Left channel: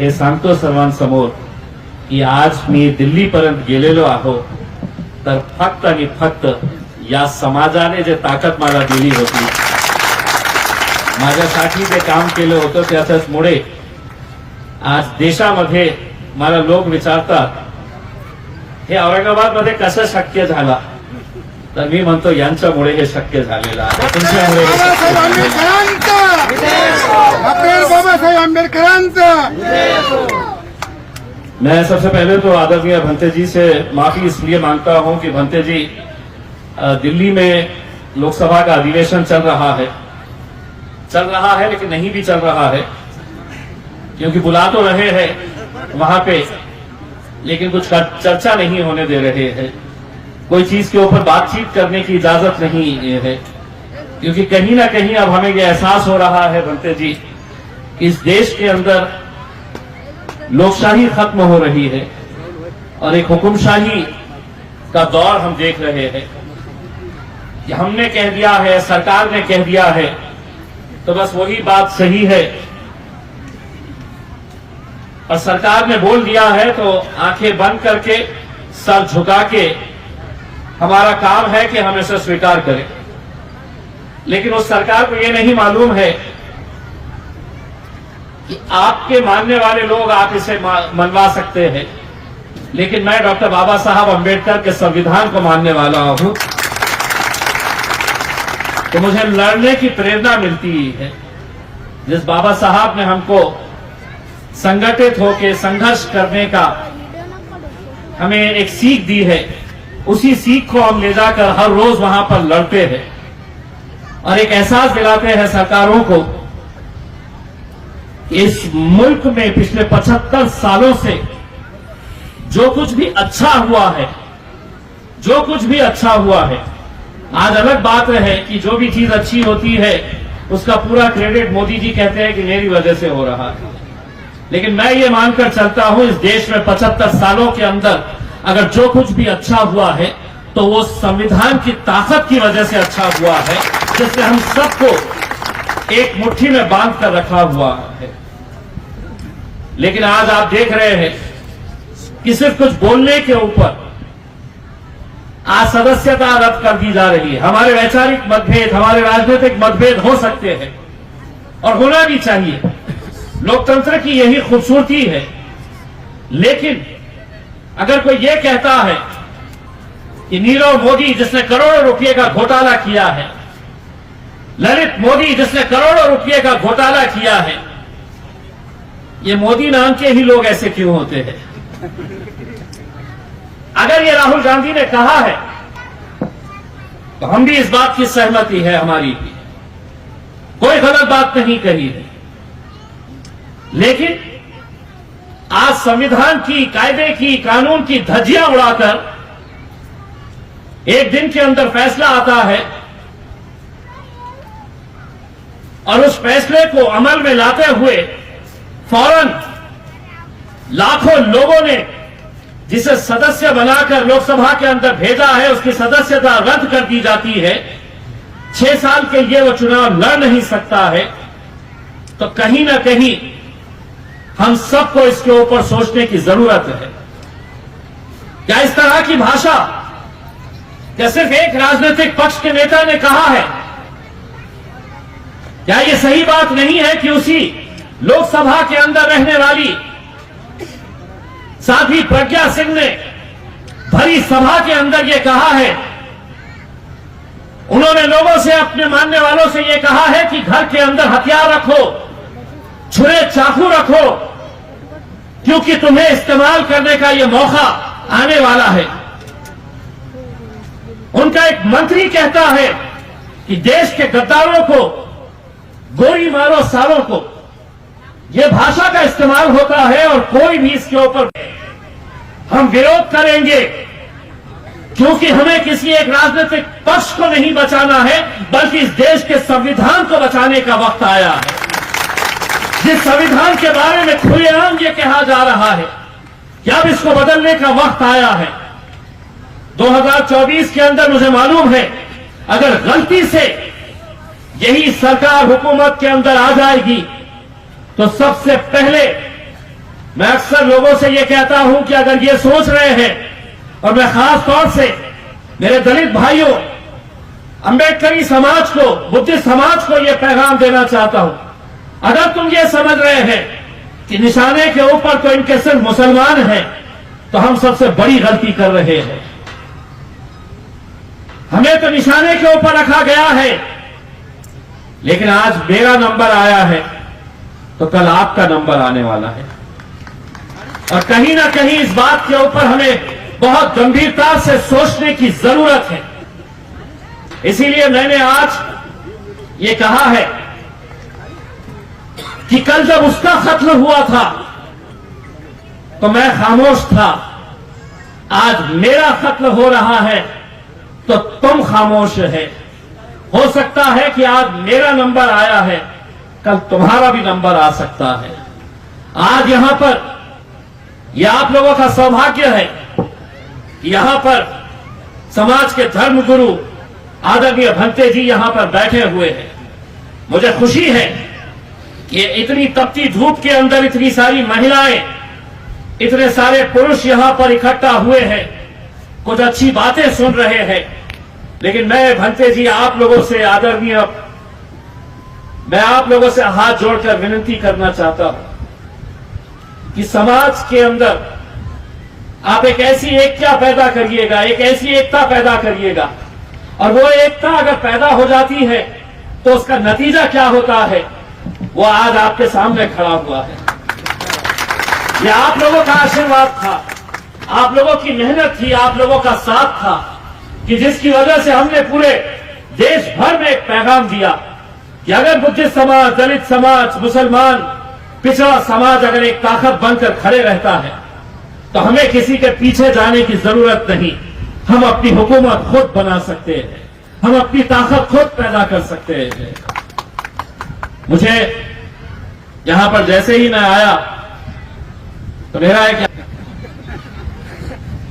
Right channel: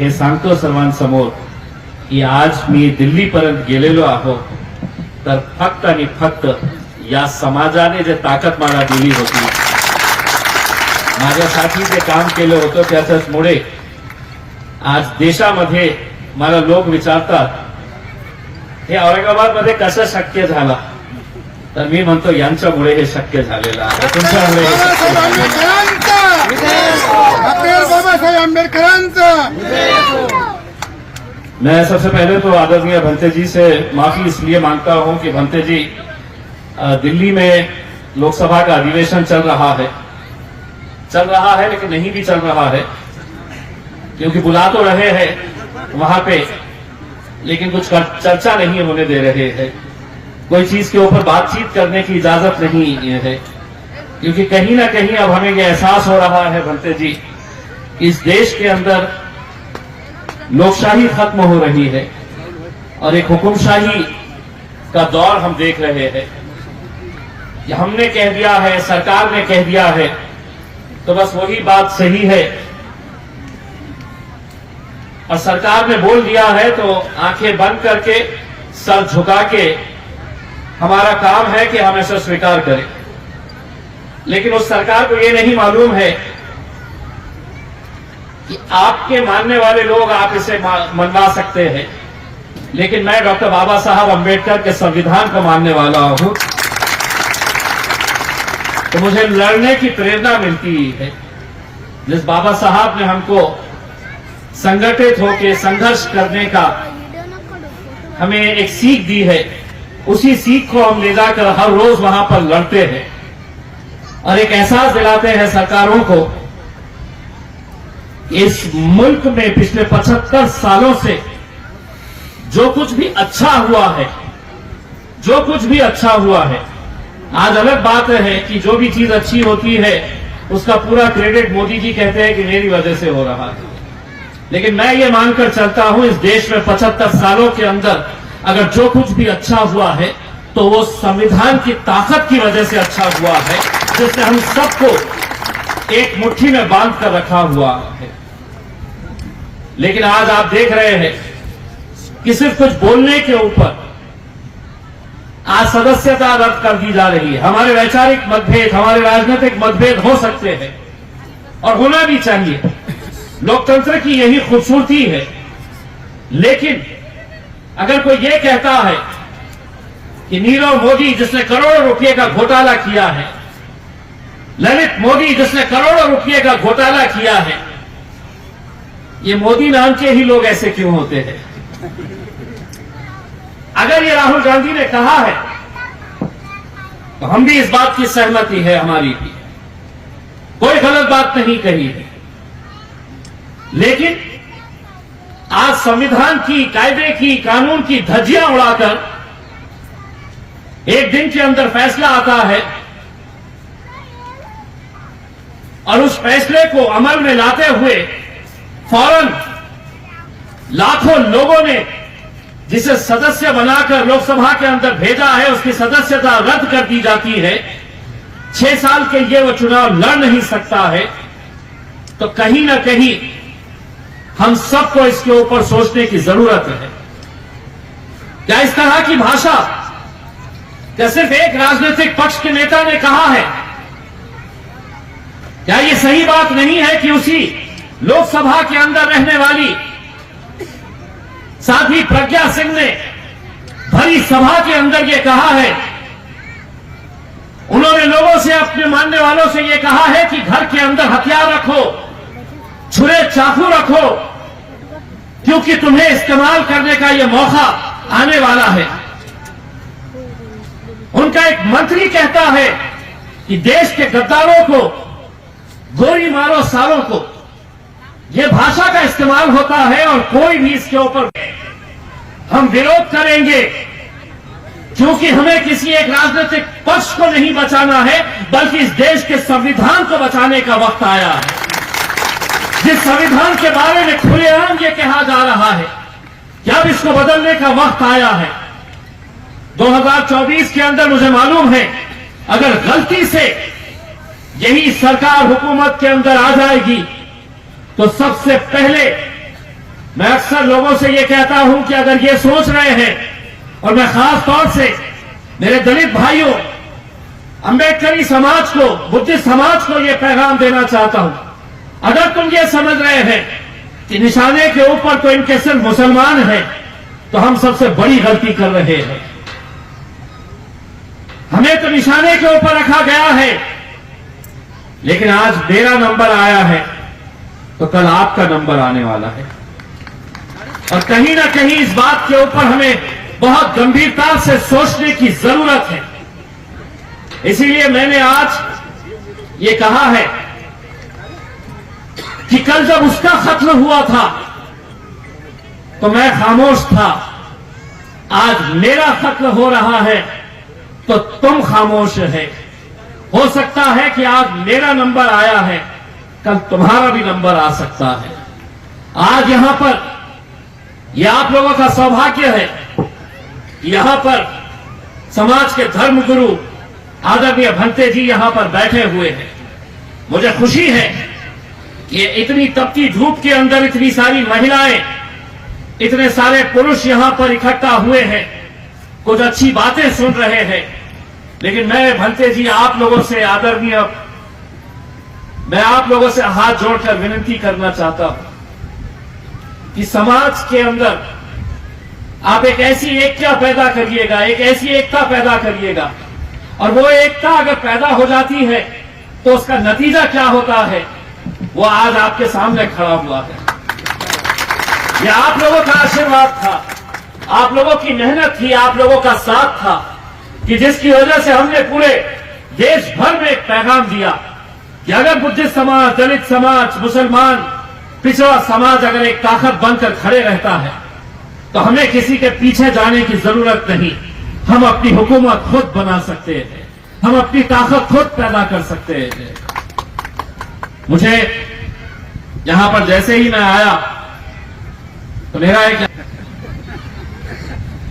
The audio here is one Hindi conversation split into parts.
हे सांगतो सर्वांसमोर की आज मी दिल्लीपर्यंत गेलेलो आहो तर फक्त आणि फक्त या समाजाने जे ताकद मला दिली होती, माझ्यासाठी जे काम केलं होतं त्याच्यामुळे आज देशामध्ये मला लोक विचारतात हे औरंगाबादमध्ये कसं शक्य झालं, तर मी म्हणतो यांच्यामुळे हे शक्य झालेलं आहे, तुमच्यामुळे हे शक्य झालेलं. मैं सबसे पहले तो आदरणीय भंते जी से माफी इसलिए मांगता हूं कि भंते जी दिल्ली में लोकसभा का अधिवेशन चल रहा है लेकिन नहीं भी चल रहा है, क्योंकि बुला तो रहे हैं वहां पे लेकिन कुछ चर्चा नहीं होने दे रहे हैं, कोई चीज के ऊपर बातचीत करने की इजाजत नहीं है, क्योंकि कहीं ना कहीं अब हमें यह एहसास हो रहा है भंते जी इस देश के अंदर लोकशाही खत्म हो रही है और एक हुकुमशाही का दौर हम देख रहे हैं कि हमने कह दिया है, सरकार ने कह दिया है तो बस वही बात सही है, और सरकार ने बोल दिया है तो आंखें बंद करके सर झुका के हमारा काम है कि हम इसे स्वीकार करें। लेकिन उस सरकार को ये नहीं मालूम है कि आपके मानने वाले लोग आप इसे मनवा सकते हैं, लेकिन मैं डॉक्टर बाबा साहब अम्बेडकर के संविधान को मानने वाला हूं, तो मुझे लड़ने की प्रेरणा मिलती है। जिस बाबा साहब ने हमको संगठित होकर संघर्ष करने का हमें एक सीख दी है, उसी सीख को हम ले जाकर हर रोज वहां पर लड़ते हैं और एक एहसास दिलाते हैं सरकारों को इस मुल्क में पिछले 75 सालों से जो कुछ भी अच्छा हुआ है, आज अलग बात है कि जो भी चीज अच्छी होती है उसका पूरा क्रेडिट मोदी जी कहते हैं कि मेरी वजह से हो रहा है, लेकिन मैं ये मानकर चलता हूं इस देश में 75 सालों के अंदर अगर जो कुछ भी अच्छा हुआ है तो वो संविधान की ताकत की वजह से अच्छा हुआ है, जिसने हम सबको एक मुट्ठी में बांध कर रखा हुआ है। लेकिन आज आप देख रहे हैं कि सिर्फ कुछ बोलने के ऊपर आज सदस्यता रद्द कर दी जा रही है। हमारे वैचारिक मतभेद, हमारे राजनीतिक मतभेद हो सकते हैं और होना भी चाहिए, लोकतंत्र की यही खूबसूरती है, लेकिन अगर कोई ये कहता है कि नीरव मोदी जिसने करोड़ों रुपए का घोटाला किया है, ललित मोदी जिसने करोड़ों रुपए का घोटाला किया है, ये मोदी नाम के ही लोग ऐसे क्यों होते हैं? अगर ये राहुल गांधी ने कहा है तो हम भी इस बात की सहमति है हमारी भी, कोई गलत बात नहीं कही है, लेकिन आज संविधान की, कायदे की, कानून की धज्जियां उड़ाकर एक दिन के अंदर फैसला आता है और उस फैसले को अमल में लाते हुए फौरन लाखों लोगों ने जिसे सदस्य बनाकर लोकसभा के अंदर भेजा है उसकी सदस्यता रद्द कर दी जाती है, 6 साल के लिए वो चुनाव लड़ नहीं सकता है, तो कहीं ना कहीं हम सबको इसके ऊपर सोचने की जरूरत है। क्या इस तरह की भाषा क्या सिर्फ एक राजनीतिक पक्ष के नेता ने कहा है? क्या ये सही बात नहीं है कि उसी लोकसभा के अंदर रहने वाली साध्वी प्रज्ञा सिंह ने भरी सभा के अंदर ये कहा है, उन्होंने लोगों से, अपने मानने वालों से ये कहा है कि घर के अंदर हथियार रखो, छुरे चाकू रखो, क्योंकि तुम्हें इस्तेमाल करने का ये मौका आने वाला है। उनका एक मंत्री कहता है कि देश के गद्दारों को गोली मारो सालों को, यह भाषा का इस्तेमाल होता है और कोई भी इसके ऊपर हम विरोध करेंगे, क्योंकि हमें किसी एक राजनीतिक पक्ष को नहीं बचाना है, बल्कि इस देश के संविधान को बचाने का वक्त आया है। जिस संविधान के बारे में खुलेआम ये कहा जा रहा है कि अब इसको बदलने का वक्त आया है। 2024 के अंदर मुझे मालूम है अगर गलती से यही सरकार हुकूमत के अंदर आ जाएगी तो सबसे पहले मैं अक्सर लोगों से ये कहता हूं कि अगर ये सोच रहे हैं, और मैं खास तौर से मेरे दलित भाइयों, अंबेडकरी समाज को, बुद्धिस्ट समाज को ये पैगाम देना चाहता हूं, अगर तुम ये समझ रहे हैं कि निशाने के ऊपर तो इनके सिर्फ मुसलमान हैं, तो हम सबसे बड़ी गलती कर रहे हैं। हमें तो निशाने के ऊपर रखा गया है, लेकिन आज मेरा नंबर आया है तो कल आपका नंबर आने वाला है। और कहीं ना कहीं इस बात के ऊपर हमें बहुत गंभीरता से सोचने की जरूरत है। इसीलिए मैंने आज ये कहा है कि कल जब उसका कत्ल हुआ था तो मैं खामोश था, आज मेरा कत्ल हो रहा है तो तुम खामोश है। हो सकता है कि आज मेरा नंबर आया है, कल तुम्हारा भी नंबर आ सकता है। आज यहां पर यह आप लोगों का सौभाग्य है कि यहां पर समाज के धर्मगुरु आदरणीय भंते जी यहां पर बैठे हुए हैं। मुझे खुशी है कि इतनी तपती धूप के अंदर इतनी सारी महिलाएं, इतने सारे पुरुष यहां पर इकट्ठा हुए हैं, कुछ अच्छी बातें सुन रहे हैं। लेकिन मैं भंते जी आप लोगों से आदरणीय, मैं आप लोगों से हाथ जोड़कर विनती करना चाहता हूं कि समाज के अंदर आप एक ऐसी एकता पैदा करिएगा, एक ऐसी एकता पैदा करिएगा, और वो एकता अगर पैदा हो जाती है तो उसका नतीजा क्या होता है वो आज आपके सामने खड़ा हुआ है। यह आप लोगों का आशीर्वाद था, आप लोगों की मेहनत थी, आप लोगों का साथ था कि जिसकी वजह से हमने पूरे देश भर में एक पैगाम दिया कि अगर बुद्धिस्ट समाज, दलित समाज, मुसलमान, पिछड़ा समाज अगर एक ताकत बनकर खड़े रहता है तो हमें किसी के पीछे जाने की जरूरत नहीं। हम अपनी हुकूमत खुद बना सकते हैं, हम अपनी ताकत खुद पैदा कर सकते हैं। मुझे यहां पर जैसे ही मैं आया तो मेरा एक,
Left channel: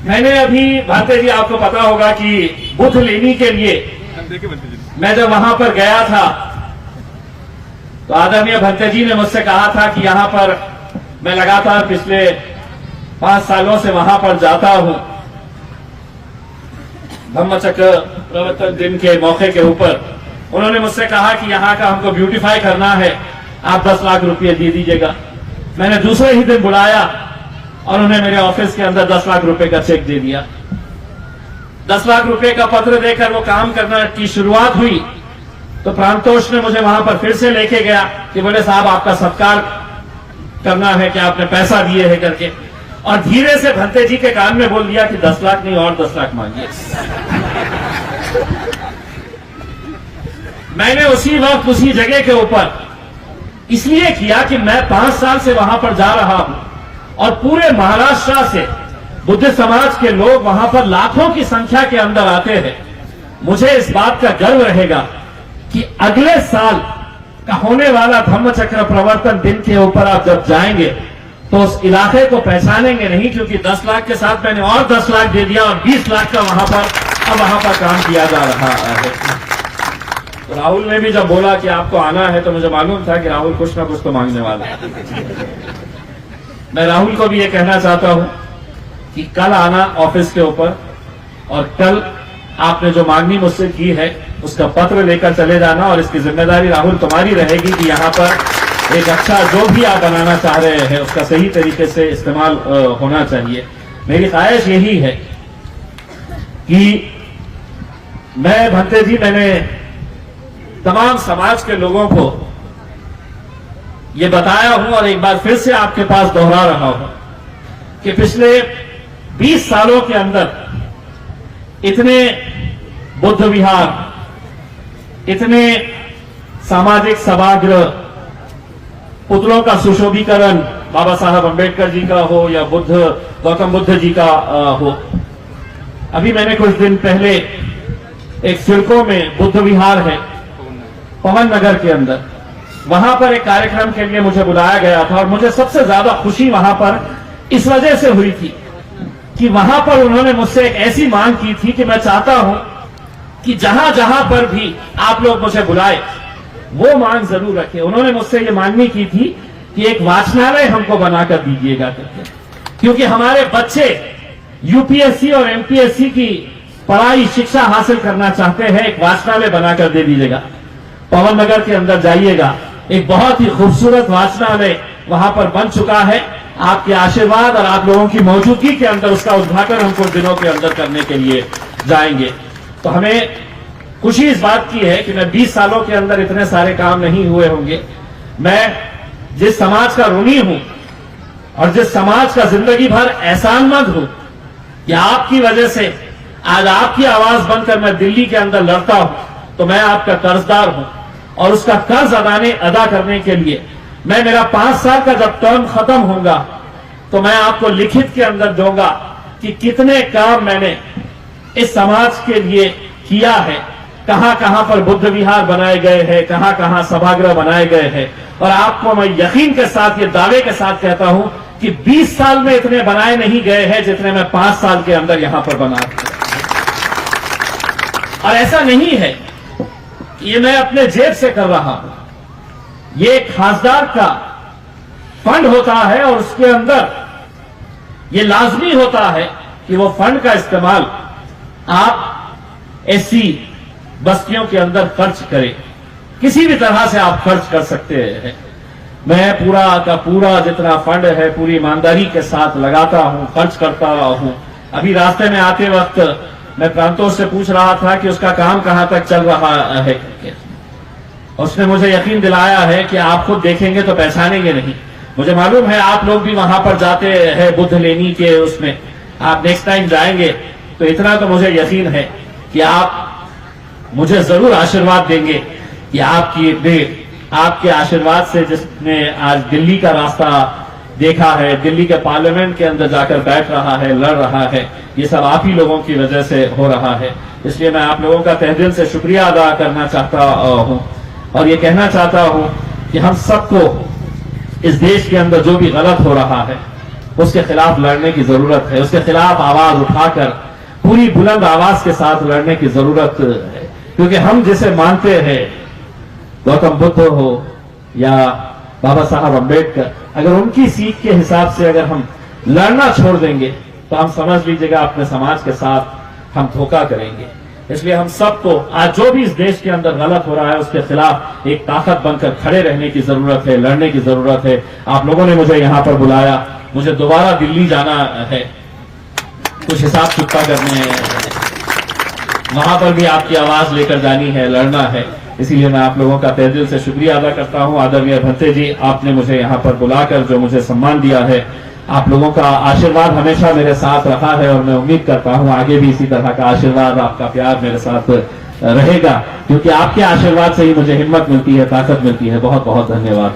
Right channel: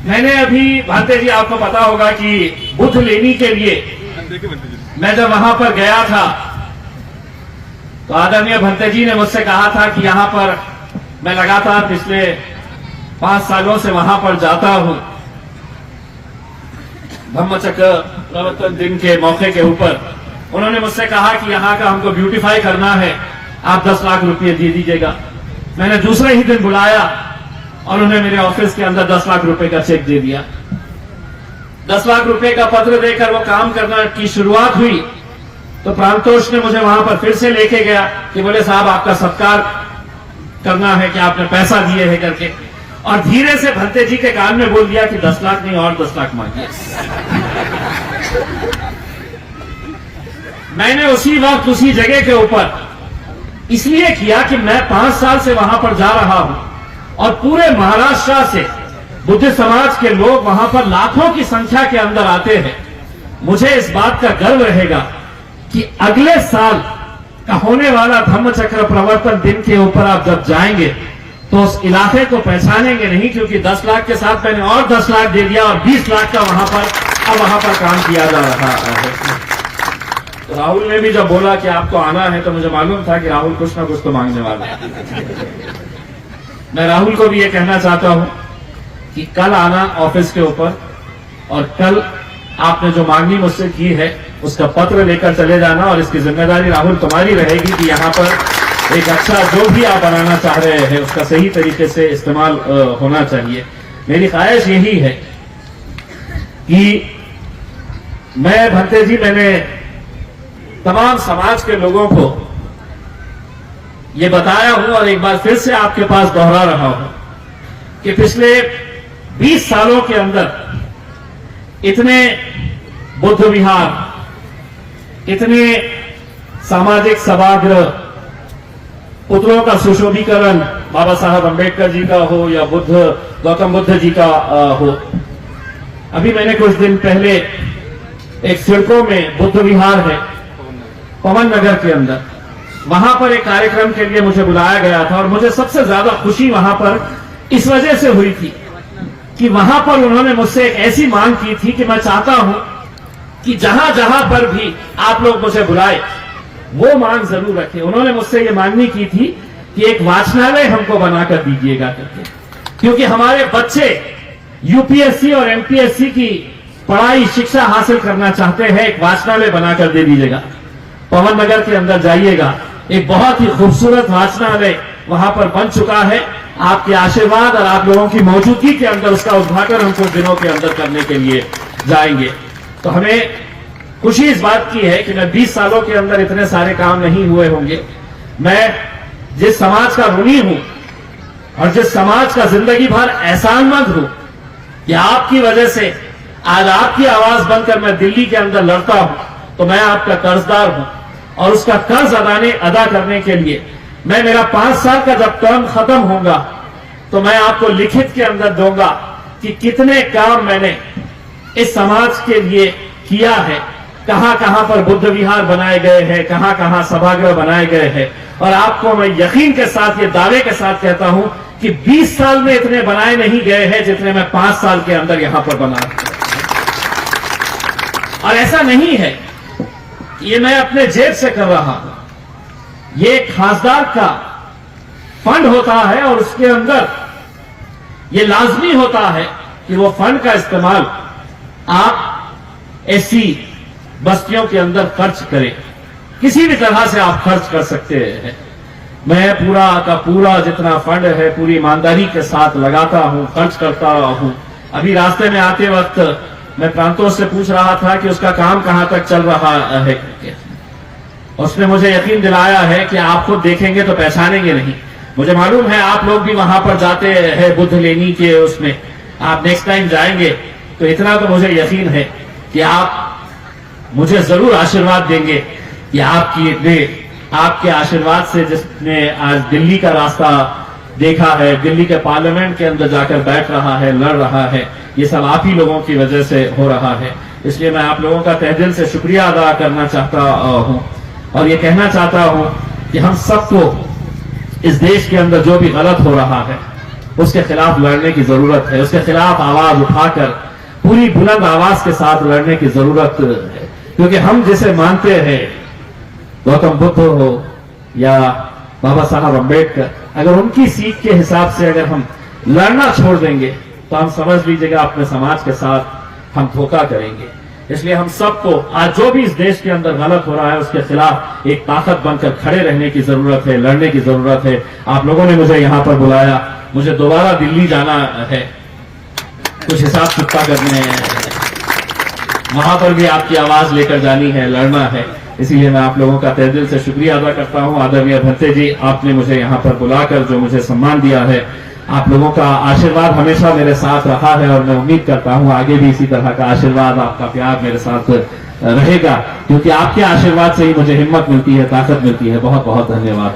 मैंने अभी भाते जी आपको पता होगा कि बुद्ध लेने के लिए मैं जब वहां पर गया था तो आदरणीय भंते जी ने मुझसे कहा था कि यहां पर मैं लगातार पिछले 5 सालों से वहां पर जाता हूं धम्मचक्र प्रवर्तन दिन के मौके के ऊपर। उन्होंने मुझसे कहा कि यहां का हमको ब्यूटीफाई करना है, आप 10 लाख रुपये दे दीजिएगा। मैंने दूसरे ही दिन बुलाया और उन्हें मेरे ऑफिस के अंदर 10 लाख रुपए का चेक दे दिया। 10 लाख रुपए का पत्र देकर वो काम करना की शुरुआत हुई तो प्रांतोष ने मुझे वहां पर फिर से लेके गया कि बोले साहब आपका सत्कार करना है कि आपने पैसा दिए है करके, और धीरे से भंते जी के कान में बोल दिया कि 10 लाख नहीं और 10 लाख मांगिए। मैंने उसी वक्त उसी जगह के ऊपर इसलिए किया कि मैं 5 साल से वहां पर जा रहा हूं और पूरे महाराष्ट्र से बुद्ध समाज के लोग वहां पर लाखों की संख्या के अंदर आते हैं। मुझे इस बात का गर्व रहेगा कि अगले साल का होने वाला धम्मचक्र प्रवर्तन दिन के ऊपर आप जब जाएंगे तो उस इलाके को पहचानेंगे नहीं, क्योंकि 10 लाख के साथ मैंने और 10 लाख दे दिया और 20 लाख का वहां पर काम किया जा रहा है। राहुल ने भी जब बोला कि आपको आना है तो मुझे मालूम था कि राहुल कुछ ना कुछ तो मांगने वाला है। मैं राहुल को भी ये कहना चाहता हूं कि कल आना ऑफिस के ऊपर और कल आपने जो मांगनी मुझसे की है उसका पत्र लेकर चले जाना, और इसकी जिम्मेदारी राहुल तुम्हारी रहेगी कि यहां पर एक अच्छा जो भी आप बनाना चाह रहे हैं उसका सही तरीके से इस्तेमाल होना चाहिए। मेरी ख्वाहिश यही है कि मैं भंते जी, मैंने तमाम समाज के लोगों को ये बताया हूं और एक बार फिर से आपके पास दोहरा रहा हूं कि पिछले 20 सालों के अंदर इतने बुद्ध विहार, इतने सामाजिक सभागृह, पुतलों का सुशोभीकरण बाबा साहब अंबेडकर जी का हो या गौतम बुद्ध जी का हो। अभी मैंने कुछ दिन पहले एक सिडको में बुद्ध विहार है पवन नगर के अंदर, वहां पर एक कार्यक्रम के लिए मुझे बुलाया गया था और मुझे सबसे ज्यादा खुशी वहां पर इस वजह से हुई थी कि वहां पर उन्होंने मुझसे एक ऐसी मांग की थी कि मैं चाहता हूं कि जहां जहां पर भी आप लोग मुझे बुलाए वो मांग जरूर रखें। उन्होंने मुझसे ये मांगनी की थी कि एक वाचनालय हमको बनाकर दीजिएगा करके, क्योंकि हमारे बच्चे यूपीएससी और एमपीएससी की पढ़ाई शिक्षा हासिल करना चाहते हैं। एक वाचनालय बनाकर दे दीजिएगा। पवन नगर के अंदर जाइएगा, एक बहुत ही खूबसूरत वाचनालय वहां पर बन चुका है। आपके आशीर्वाद और आप लोगों की मौजूदगी के अंदर उसका उद्घाटन हम कुछ दिनों के अंदर करने के लिए जाएंगे। तो हमें खुशी इस बात की है कि मैं 20 सालों के अंदर इतने सारे काम नहीं हुए होंगे। मैं जिस समाज का ऋणी हूं और जिस समाज का जिंदगी भर एहसानमंद हूं कि आपकी वजह से आज आपकी आवाज बनकर मैं दिल्ली के अंदर लड़ता हूं, तो मैं आपका कर्जदार हूं और उसका कर्ज अदा करने के लिए मैं मेरा 5 साल का जब टर्म खत्म होगा तो मैं आपको लिखित के अंदर दूंगा कि कितने काम मैंने इस समाज के लिए किया है, कहां कहां पर बुद्ध विहार बनाए गए हैं, कहां कहां सभागृह बनाए गए हैं। और आपको मैं यकीन के साथ, ये दावे के साथ कहता हूं कि 20 साल में इतने बनाए नहीं गए हैं जितने मैं 5 साल के अंदर यहां पर बना। और ऐसा नहीं है कि ये मैं अपने जेब से कर रहा हूं, ये एक खासदार का फंड होता है और उसके अंदर ये लाजमी होता है कि वो फंड का इस्तेमाल आप ऐसी बस्तियों के अंदर खर्च करें। किसी भी तरह से आप खर्च कर सकते हैं। मैं पूरा का पूरा जितना फंड है पूरी ईमानदारी के साथ लगाता हूं, खर्च करता हूं। अभी रास्ते में आते वक्त मैं प्रांतों से पूछ रहा था कि उसका काम कहां तक चल रहा है करके। उसने मुझे यकीन दिलाया है कि आप खुद देखेंगे तो पहचानेंगे नहीं। मुझे मालूम है आप लोग भी वहां पर जाते हैं बुद्ध लेनी के उसमें, आप नेक्स्ट टाइम जाएंगे तो इतना तो मुझे यकीन है कि आप मुझे जरूर आशीर्वाद देंगे कि आपके आशीर्वाद से जिसने आज दिल्ली का रास्ता देखा है, दिल्ली के पार्लियामेंट के अंदर जाकर बैठ रहा है, लड़ रहा है, ये सब आप ही लोगों की वजह से हो रहा है। इसलिए मैं आप लोगों का तहे दिल से शुक्रिया अदा करना चाहता हूं और ये कहना चाहता हूं कि हम सबको इस देश के अंदर जो भी गलत हो रहा है उसके खिलाफ लड़ने की जरूरत है। उसके खिलाफ आवाज उठाकर पूरी बुलंद आवाज के साथ लड़ने की जरूरत है, क्योंकि हम जिसे मानते हैं, गौतम बुद्ध हो या बाबा साहब अम्बेडकर, अगर उनकी सीख के हिसाब से अगर हम लड़ना छोड़ देंगे तो हम समझ लीजिएगा अपने समाज के साथ हम धोखा करेंगे। इसलिए हम सबको आज जो भी इस देश के अंदर गलत हो रहा है उसके खिलाफ एक ताकत बनकर खड़े रहने की जरूरत है, लड़ने की जरूरत है। आप लोगों ने मुझे यहां पर बुलाया, मुझे दोबारा दिल्ली जाना है, कुछ हिसाब किताब करने हैं, वहां पर भी आपकी आवाज लेकर जानी है, लड़ना है। इसीलिए मैं आप लोगों का तहे दिल से शुक्रिया अदा करता हूं। आदरणीय भंते जी, आपने मुझे यहां पर बुलाकर जो मुझे सम्मान दिया है, आप लोगों का आशीर्वाद हमेशा मेरे साथ रहा है और मैं उम्मीद करता हूं आगे भी इसी तरह का आशीर्वाद, आपका प्यार मेरे साथ रहेगा, क्योंकि आपके आशीर्वाद से ही मुझे हिम्मत मिलती है, ताकत मिलती है। बहुत बहुत धन्यवाद।